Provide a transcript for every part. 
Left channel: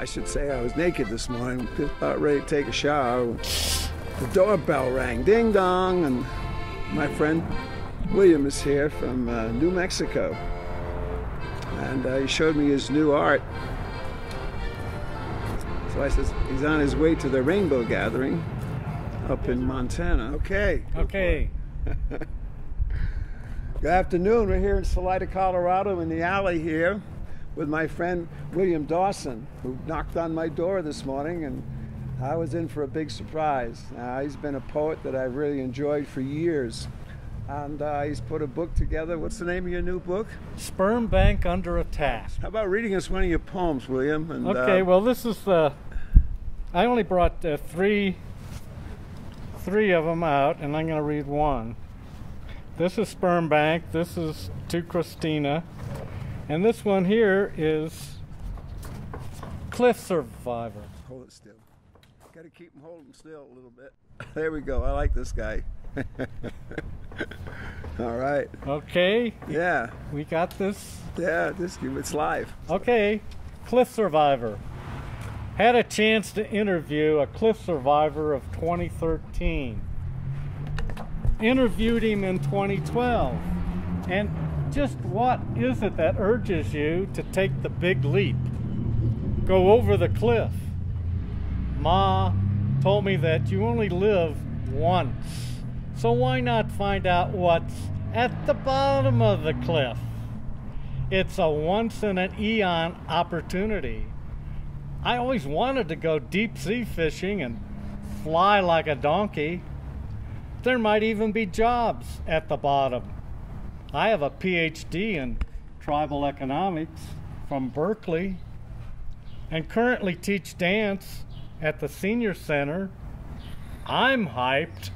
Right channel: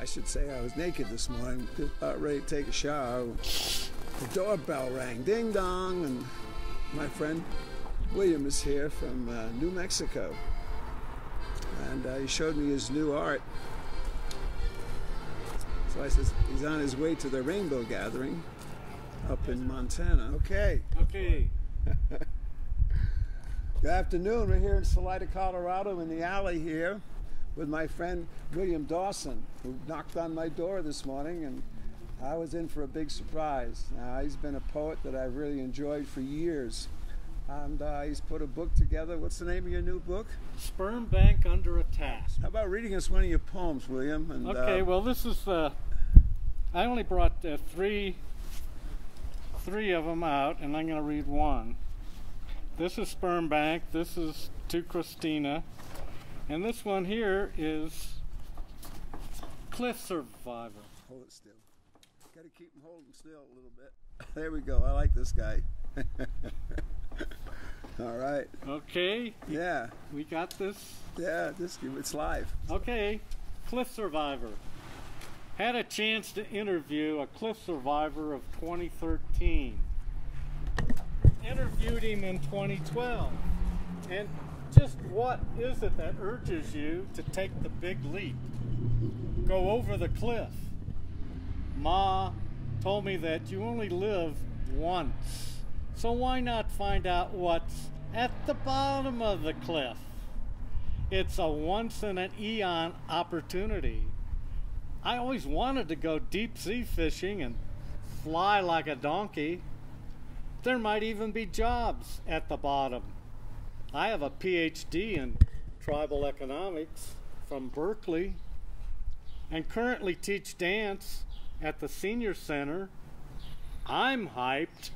I should say I was naked this morning, about ready to take a shower. The doorbell rang, ding dong, and my friend William is here from New Mexico, and he showed me his new art. So I said he's on his way to the rainbow gathering up in Montana. Okay. Okay. Good afternoon. We're here in Salida, Colorado, in the alley here with my friend William Dawson, who knocked on my door this morning, and I was in for a big surprise. He's been a poet that I've really enjoyed for years, and he's put a book together. What's the name of your new book? Sperm Bank Under Attack. How about reading us one of your poems, William? And, okay, well, this is I only brought three of them out, and I'm going to read one. This is Sperm Bank. This is To Christina. And this one here is Cliff Survivor. Hold it still. Got to keep him holding still a little bit. There we go. I like this guy. All right. Okay. Yeah. We got this. Yeah, it's live. Okay. Cliff Survivor. Had a chance to interview a cliff survivor of 2013. Interviewed him in 2012. And just what is it that urges you to take the big leap? Go over the cliff. Ma told me that you only live once. So why not find out what's at the bottom of the cliff? It's a once in an eon opportunity. I always wanted to go deep sea fishing and fly like a donkey. There might even be jobs at the bottom. I have a PhD in tribal economics from Berkeley and currently teach dance at the senior center. I'm hyped.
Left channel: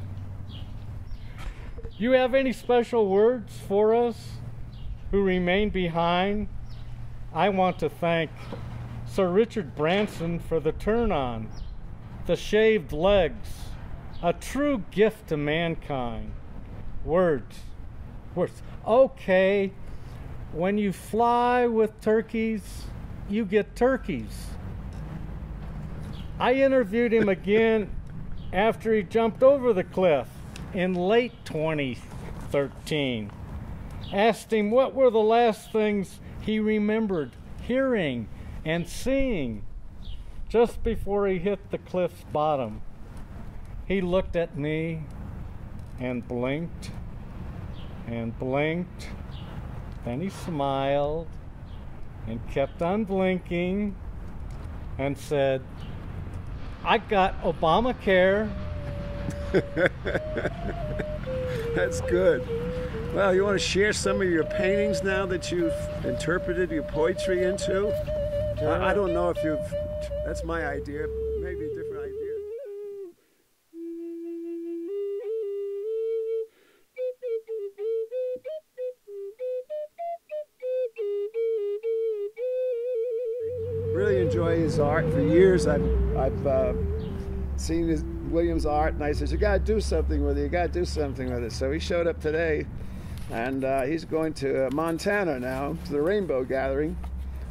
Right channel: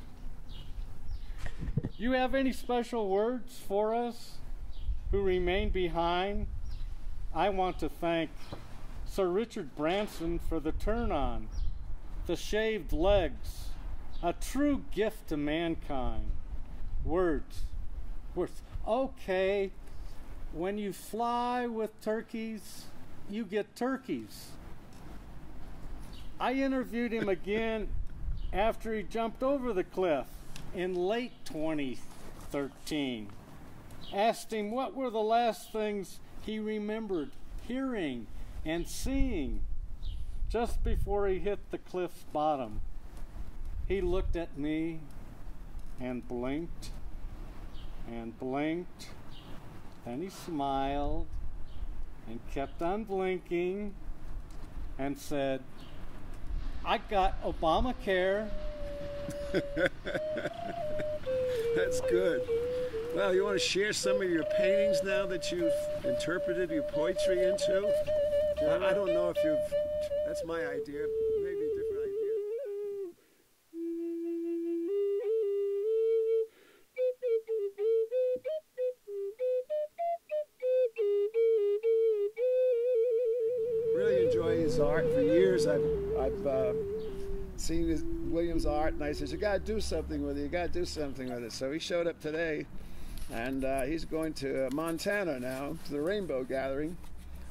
You have any special words for us who remain behind? I want to thank Sir Richard Branson for the turn-on, the shaved legs, a true gift to mankind. Words. Okay, when you fly with turkeys, you get turkeys. I interviewed him again after he jumped over the cliff in late 2013. Asked him what were the last things he remembered hearing and seeing just before he hit the cliff's bottom. He looked at me and blinked and blinked. Then he smiled and kept on blinking and said, I got Obamacare. That's good. Well, you want to share some of your paintings now that you've interpreted your poetry into? I don't know if you've, that's my idea, maybe a different idea. Really enjoy his art. For years I've seen William's art, and I said, you got to do something with it, you got to do something with it. So he showed up today, and he's going to Montana now, to the rainbow gathering,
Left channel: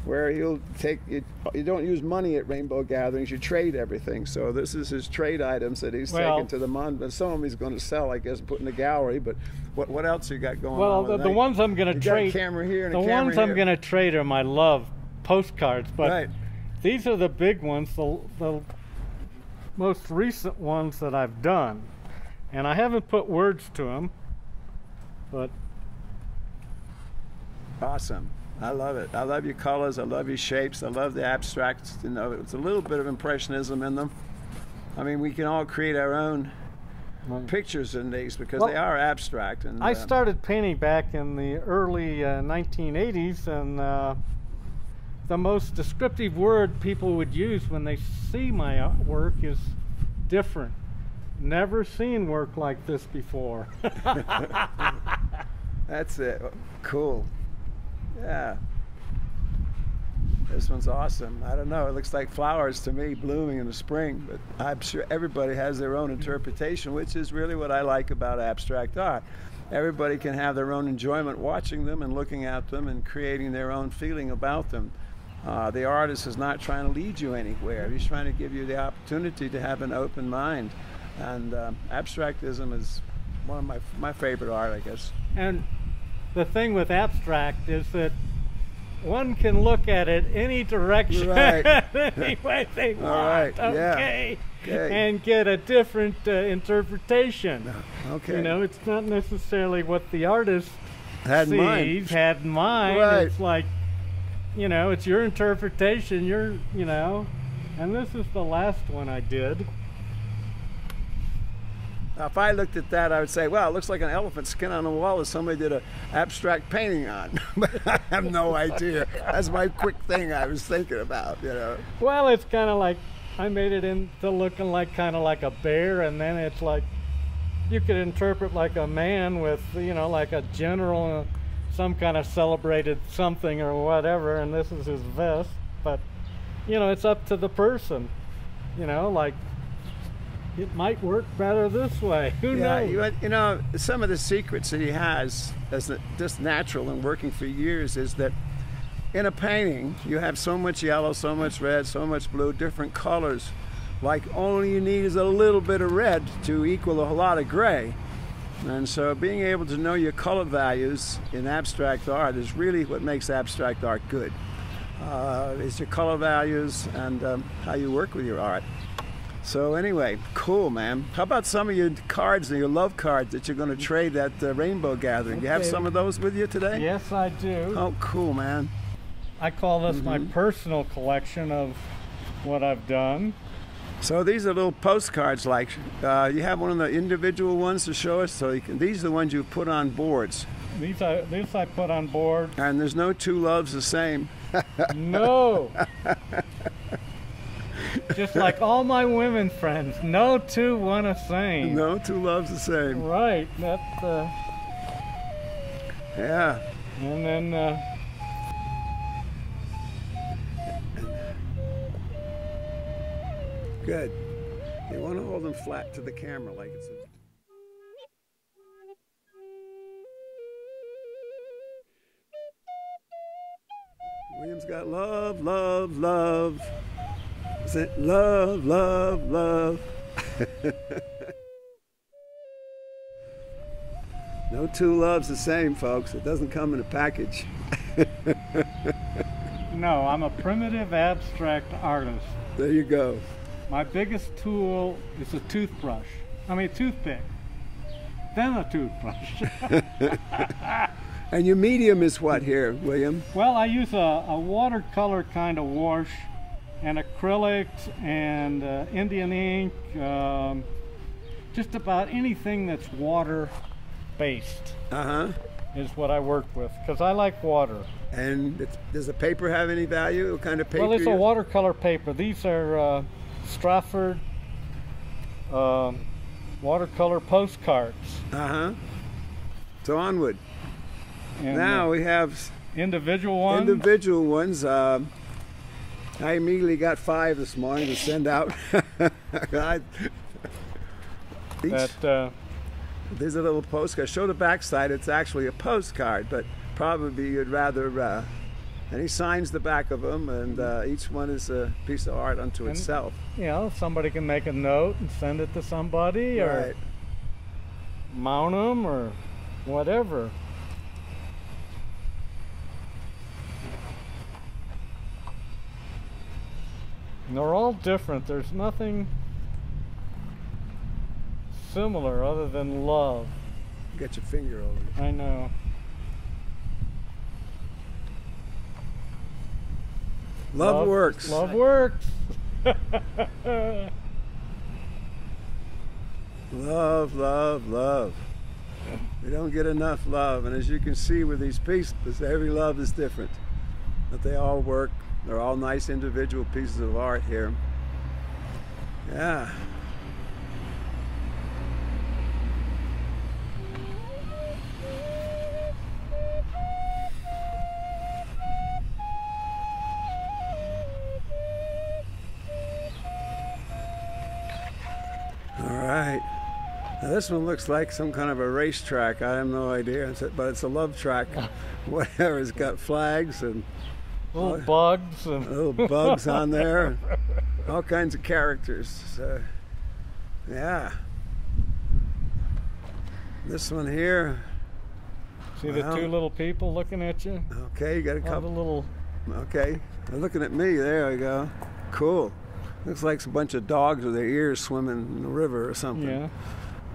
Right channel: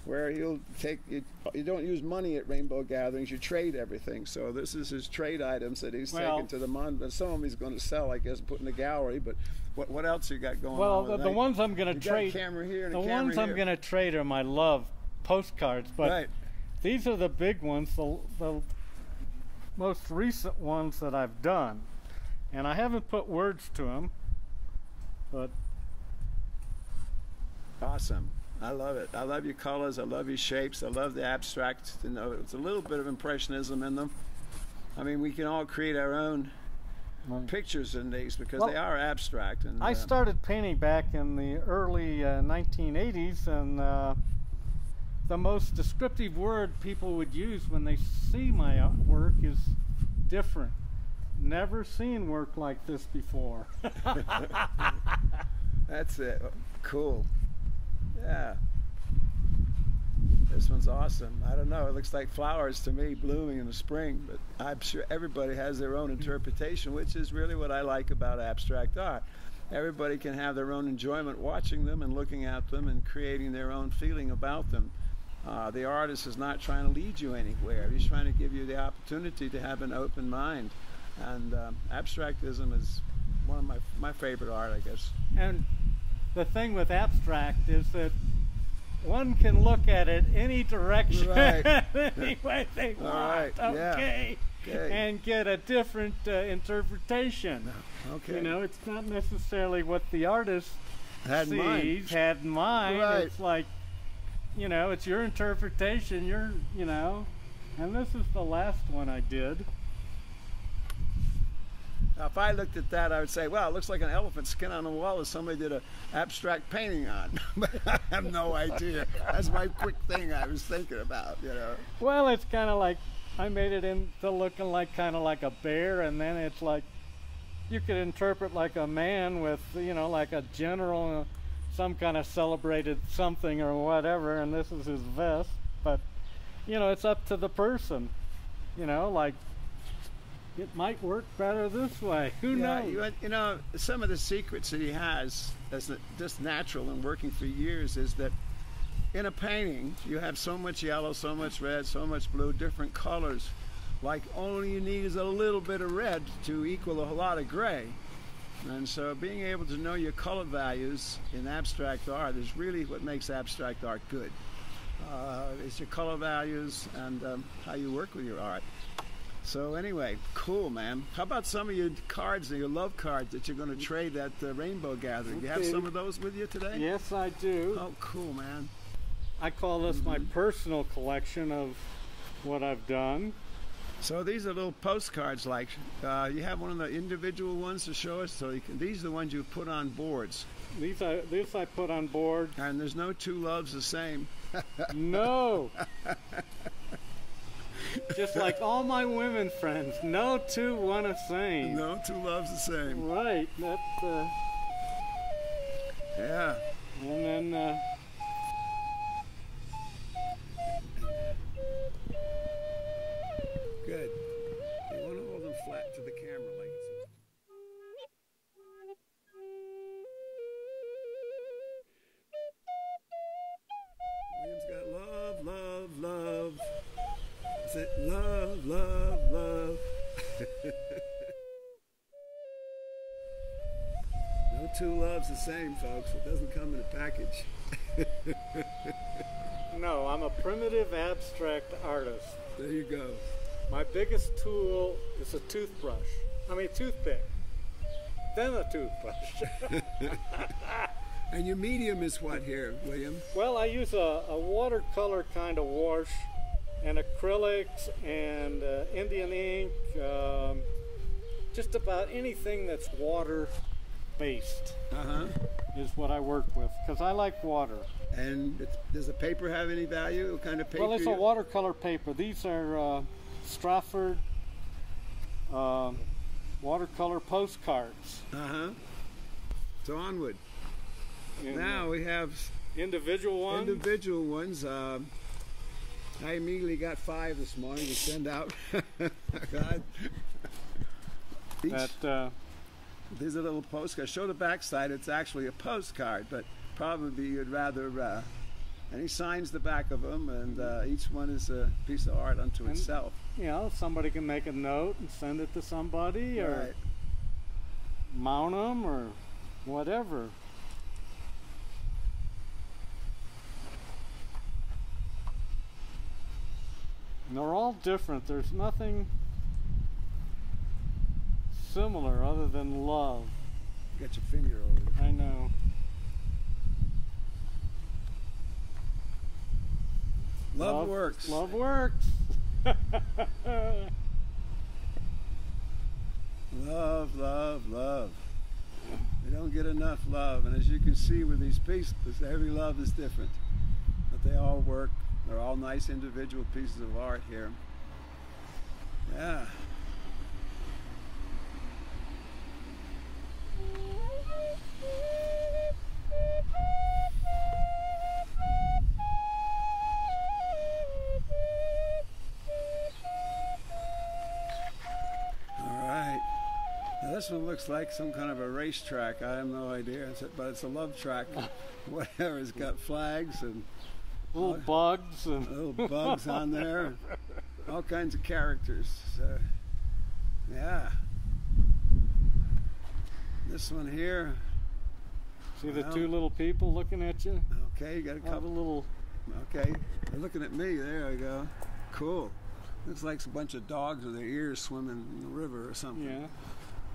where he'll take, you don't use money at rainbow gatherings, you trade everything. So this is his trade items that he's taken to the Montana. Some of them he's going to sell, I guess, put in the gallery, but what else you got going on with it? The ones I'm going to trade. You got a camera here and a camera here. The ones I'm going to trade are my love postcards, but right. These are the big ones, the most recent ones that I've done, and I haven't put words to them, but awesome. I love it. I love your colors. I love your shapes. I love the abstract. You know, it's a little bit of impressionism in them. I mean, we can all create our own pictures in these because they are abstract. And I started painting back in the early 1980s, and the most descriptive word people would use when they see my work is different. Never seen work like this before. That's it. Cool. Yeah. This one's awesome. I don't know. It looks like flowers to me blooming in the spring, but I'm sure everybody has their own interpretation, which is really what I like about abstract art. Everybody can have their own enjoyment watching them and looking at them and creating their own feeling about them. The artist is not trying to lead you anywhere. He's trying to give you the opportunity to have an open mind. And abstractism is one of my favorite art, I guess. And the thing with abstract is that one can look at it any direction, right? any way they want. All right, okay. yeah, okay, and get a different interpretation. okay. You know, it's not necessarily what the artist had in mind. Right. It's like, you know, it's your interpretation. You know, and this is the last one I did. Now, if I looked at that, I would say, well, it looks like an elephant skin on the wall that somebody did an abstract painting on. But I have no idea. That's my quick thing I was thinking about, you know. Well, it's kind of like, I made it into looking like kind of like a bear, and then it's like, you could interpret like a man with, you know, like a general, some kind of celebrated something or whatever, and this is his vest. But, you know, it's up to the person, you know, like, it might work better this way. Who knows? You know, some of the secrets that he has, as just natural and working for years, is that in a painting you have so much yellow, so much red, so much blue, different colors. Like only you need is a little bit of red to equal a lot of gray. And so being able to know your color values in abstract art is really what makes abstract art good. Is your color values and how you work with your art. So anyway, cool, man. How about some of your cards and your love cards that you're going to trade at the Rainbow Gathering? Do you have some of those with you today? Yes, I do. Oh, cool, man. I call this my personal collection of what I've done. So these are little postcards, like you have one of the individual ones to show us. So these are the ones you've put on boards. These I put on board. And there's no two loves the same. No. Just like all my women friends, no two want the same. No two loves the same. Right. That's yeah. And then good. You want to hold them flat to the camera like it's a... William's got love, love, love. Is it love, love, love? No two loves the same, folks. It doesn't come in a package. no, I'm a primitive abstract artist. There you go. My biggest tool is a toothbrush. I mean, a toothpick. Then a toothbrush. And your medium is what here, William? Well, I use a watercolor kind of wash and acrylics and Indian ink, just about anything that's water-based is what I work with, because I like water. And does the paper have any value? What kind of paper? Well, it's a watercolor paper. These are Stratford watercolor postcards. So onward. And now we have individual ones. Individual ones. I immediately got 5 this morning to send out. There's a little postcard. Show the backside. It's actually a postcard, but probably you'd rather. And he signs the back of them, and each one is a piece of art unto itself. You know, somebody can make a note and send it to somebody, or mount them, or whatever. And they're all different. There's nothing similar other than love. Get your finger over it. I know. Love works. Love works. Love, love, love. We don't get enough love. And as you can see with these pieces, every love is different. But they all work. They're all nice individual pieces of art here. Yeah. All right. Now this one looks like some kind of a racetrack. I have no idea, but it's a love track. Whatever. It's got flags and Little bugs. And little bugs on there. All kinds of characters. Yeah. This one here. See the two little people looking at you? Okay, you got a couple. Little... Okay, they're looking at me. There we go. Cool. Looks like a bunch of dogs with their ears swimming in the river or something.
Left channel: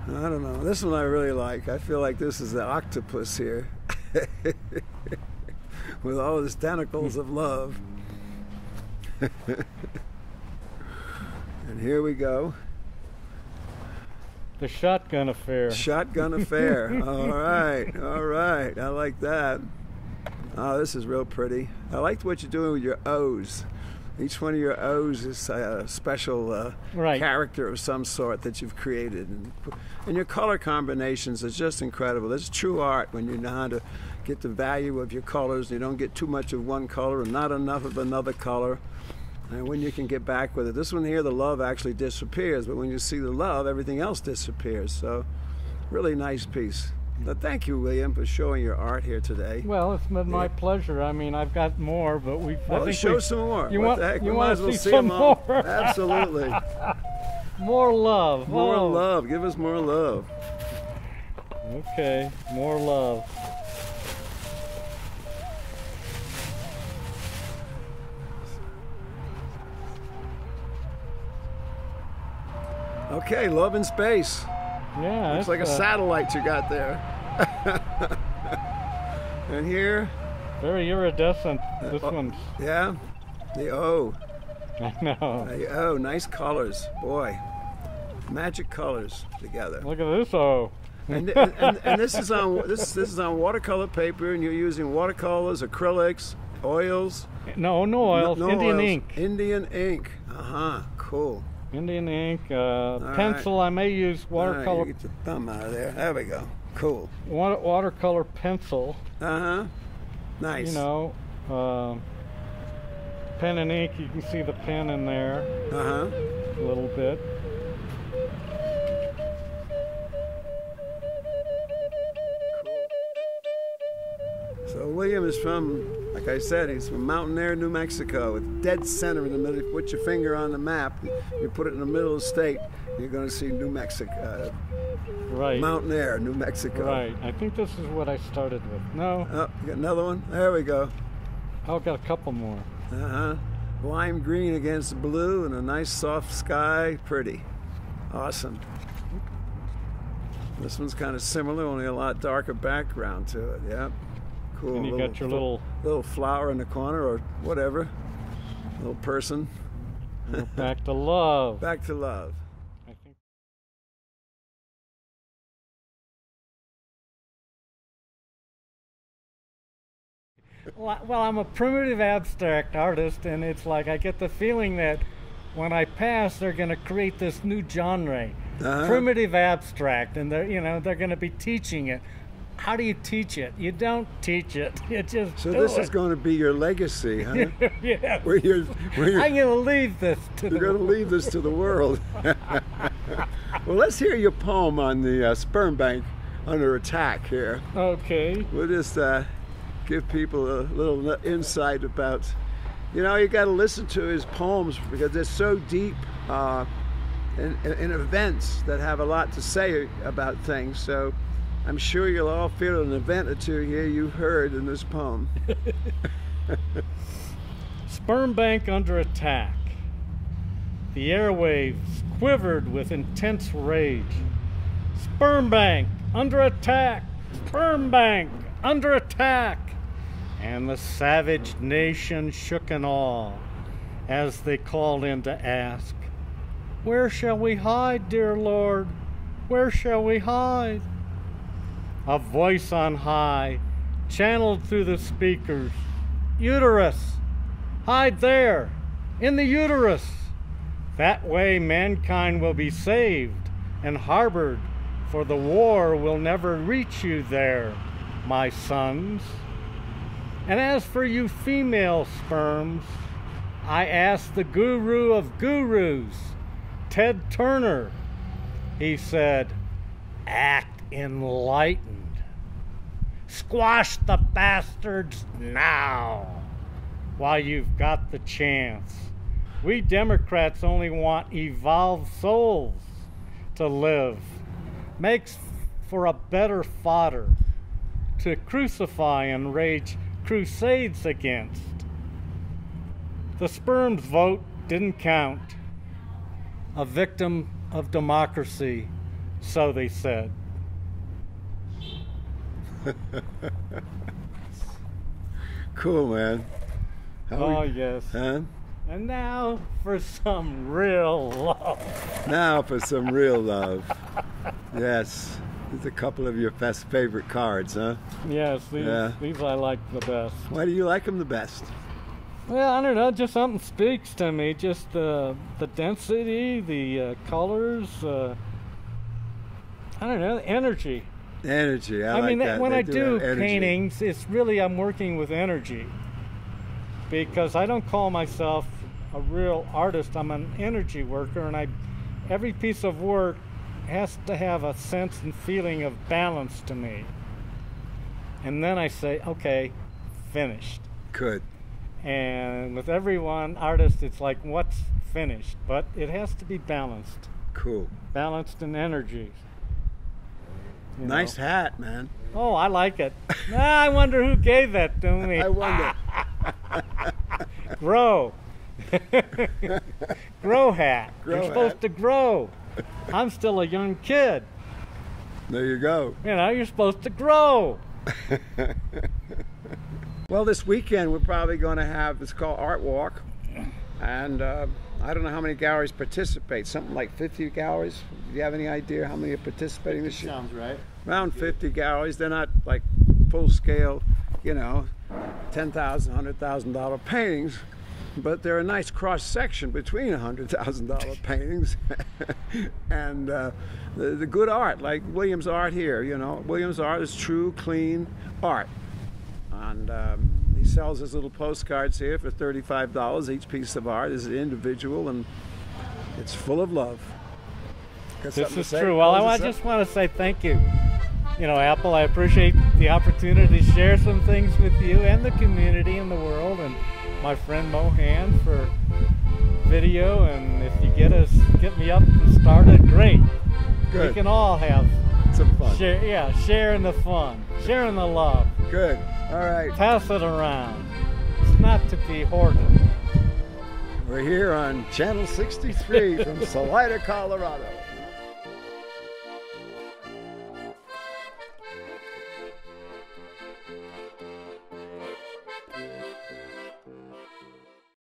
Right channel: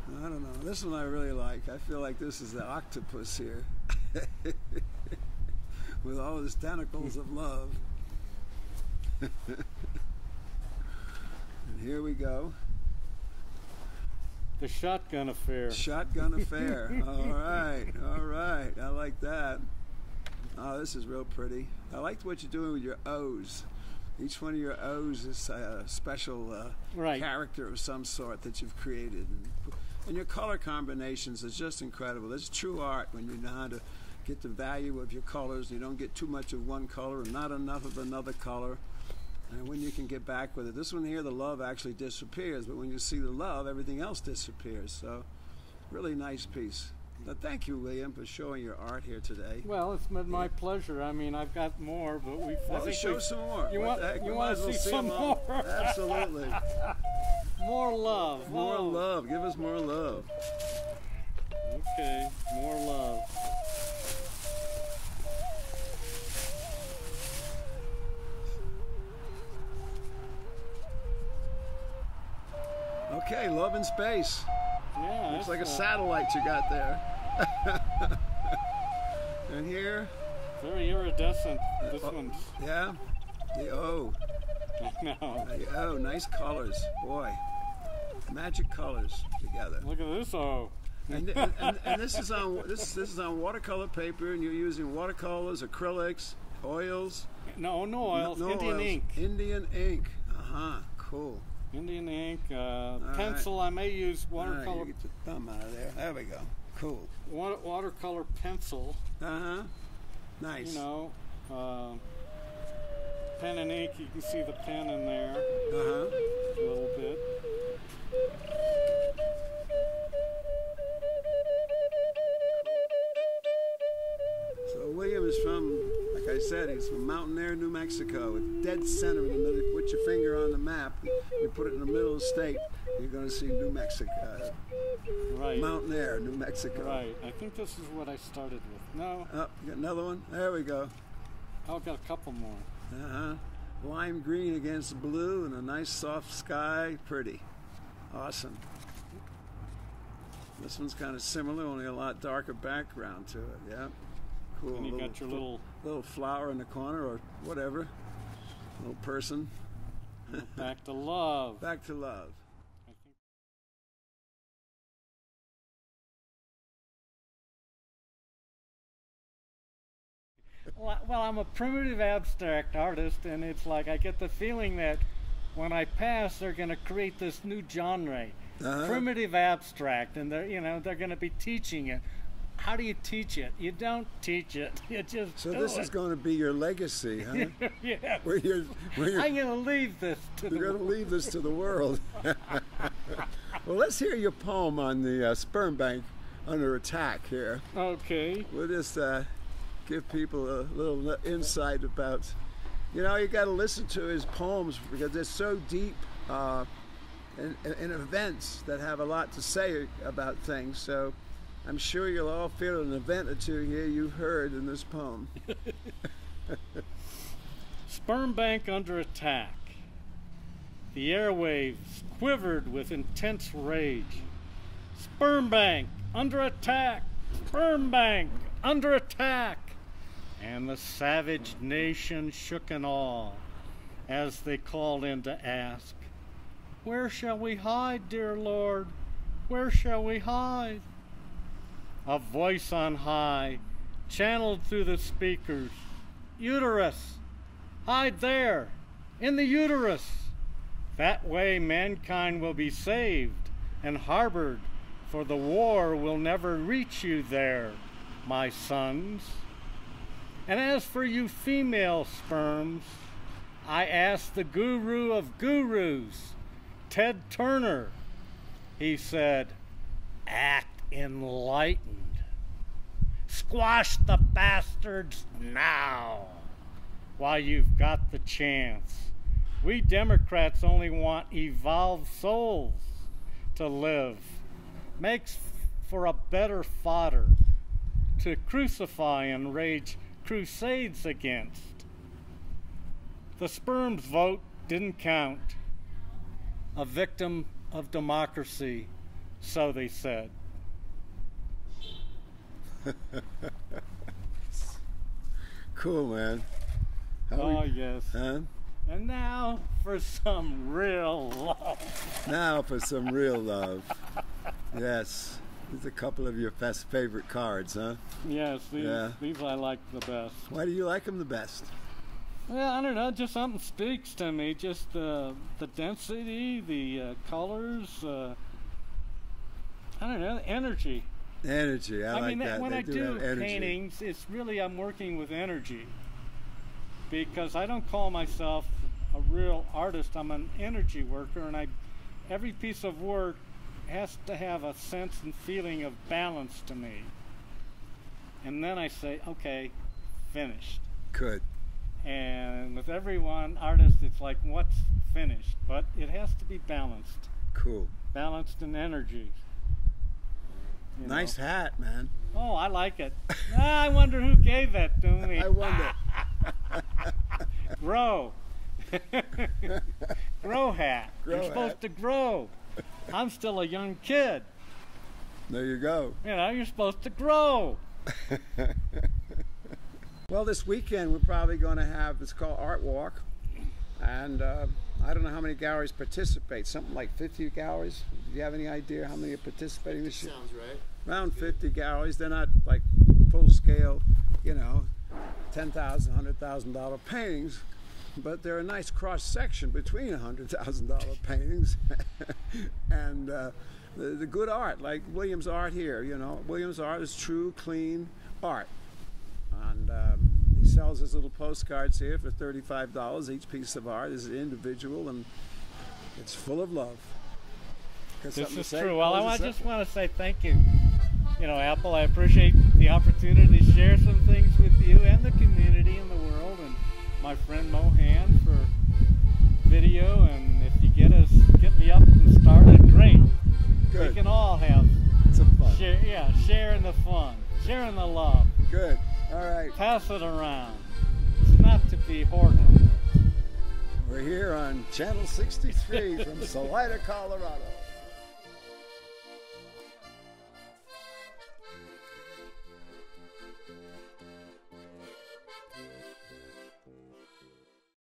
Yeah. I don't know. This one I really like. I feel like this is the octopus here. With all his tentacles of love. And here we go. The shotgun affair. Shotgun affair. All right, all right. I like that. Oh, this is real pretty. I liked what you're doing with your O's. Each one of your O's is a special character of some sort that you've created. And your color combinations is just incredible. It's true art when you know how to get the value of your colors. You don't get too much of one color and not enough of another color. And when you can get back with it. This one here, the love actually disappears, but when you see the love, everything else disappears. So, really nice piece. But thank you, William, for showing your art here today. Well, it's been my pleasure. I mean, I've got more, but we... Well, show some more. What the heck? We might as well see them all. Absolutely. More love. More love. Give us more love. Okay, more love. Okay, love in space. Yeah. Looks like a satellite you got there. And here. Very iridescent. This one's. Yeah. The O. I know. The O. Nice colors, boy. Magic colors together. Look at this O. And this is on this is on watercolor paper, and you're using watercolors, acrylics, oils. No oils. No Indian oils. ink. Indian ink. Cool. Indian ink, pencil. Right. I may use watercolor. All right, you get your thumb out of there. There we go. Cool. Watercolor pencil. Nice. You know, pen and ink. You can see the pen in there. A little bit. So William is from, like I said, he's from Mountain Air, New Mexico. It's dead center in the middle. If you put your finger on the map, you put it in the middle of the state, you're going to see New Mexico. Right. Mountain Air, New Mexico. Right. I think this is what I started with. No. Oh, you got another one? There we go. I've got a couple more. Lime green against blue and a nice soft sky. Pretty. Awesome. This one's kind of similar, only a lot darker background to it. Yep. Cool. And you got your little flower in the corner or whatever. Little person. Back to love. Back to love. Well, I'm a primitive abstract artist, and it's like I get the feeling that when I pass, they're going to create this new genre, primitive abstract, and they're going to be teaching it. How do you teach it? You don't teach it. You just do it. So this is going to be your legacy, huh? Yeah. I'm going to leave this to the world. You're going to leave this to the world. Well, let's hear your poem on the sperm bank under attack here. Okay. We'll just give people a little insight about, you got to listen to his poems because they're so deep in events that have a lot to say about things. So I'm sure you'll all feel an event or two here you've heard in this poem. Sperm bank under attack. The airwaves quivered with intense rage. Sperm bank under attack. Sperm bank under attack. And the savage nation shook in awe as they called in to ask, "Where shall we hide, dear Lord? Where shall we hide?" A voice on high channeled through the speakers, "Uterus, hide there, in the uterus. That way mankind will be saved and harbored, for the war will never reach you there, my sons. And as for you female sperms, I asked the guru of gurus, Ted Turner. He said, act enlightened. Squash the bastards now. while you've got the chance. We Democrats only want evolved souls to live. Makes for a better fodder to crucify and rage crusades against. The sperm's vote didn't count. A victim of democracy, so they said. Cool, man. Oh, yes. Huh? And now for some real love. Now for some real love. Yes. It's a couple of your best favorite cards, huh? Yes, these I like the best. Why do you like them the best? Well, I don't know, just something speaks to me. Just the density, the colors, I don't know, the energy. Energy. I mean, like when I do energy. paintings, it's really, I'm working with energy. Because I don't call myself a real artist, I'm an energy worker, and every piece of work has to have a sense and feeling of balance to me. And then I say, okay, finished. Good. And with every one artist, it's like, what's finished? But it has to be balanced. Cool. Balanced in energy. You nice know. hat, man. Oh, I like it. I wonder who gave that to me. I wonder. Grow. Grow hat. Grow You're supposed to grow. I'm still a young kid. There you go. You know, you're supposed to grow. Well, this weekend we're probably going to have, it's called Art Walk. And I don't know how many galleries participate. Something like 50 galleries. Do you have any idea how many are participating this year? Sounds right. Around 50 galleries. They're not like full scale, you know, $10,000, $100,000 paintings, but they're a nice cross section between $100,000 paintings and the good art, like Williams' art here. You know, Williams' art is true, clean art, and he sells his little postcards here for $35. Each piece of art is individual, and it's full of love. This is true. Well, I just want to say thank you. You know, Apple, I appreciate the opportunity to share some things with you and the community and the world, and my friend Mohan for video. And if you get me up and started, great. Good. We can all have some fun. Sharing the fun, sharing the love. Good. All right. Pass it around. It's not to be hoarded. We're here on Channel 63 from Salida, Colorado.